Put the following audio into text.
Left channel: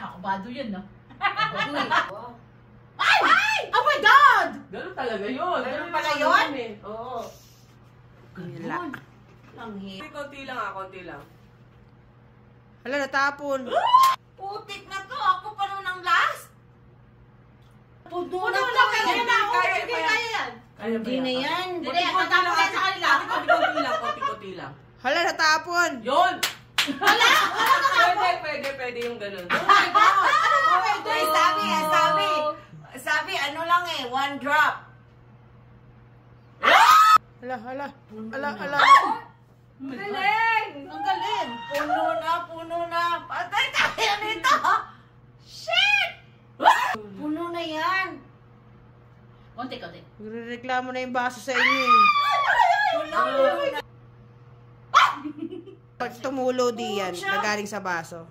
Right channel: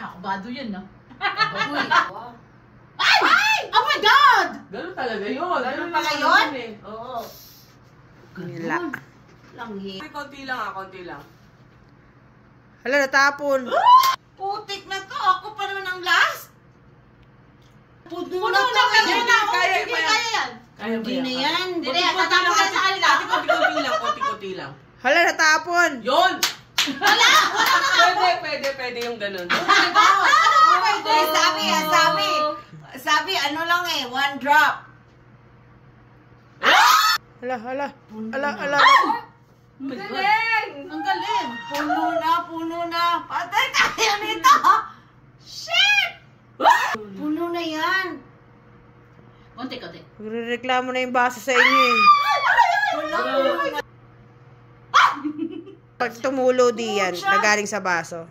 Kakabado yan, no? Uy. Ay! Oh my God! Ganun talaga yun. Ganun pala yun? Oo. Nila. Langhi. Konti lang konti lang. Hala, natapon. Putik na to. Ako pa naman ang last. Puno na to. Kaya yan. Hindi na yan. Hindi na yan. Tatapon kayo sa kanila. Konti lang. Hala, natapon. Yun! Pwede yung ganun. Uy, sabi, ano lang eh, 1 drop. Hala. Ang galing! Ang galing! Puno na. Patay tayo nito. Shit! Puno na yan. Konti. Magrereklamo na yung baso sa inyo eh. Puno na. Pag tumulo di yan, nagaling sa baso.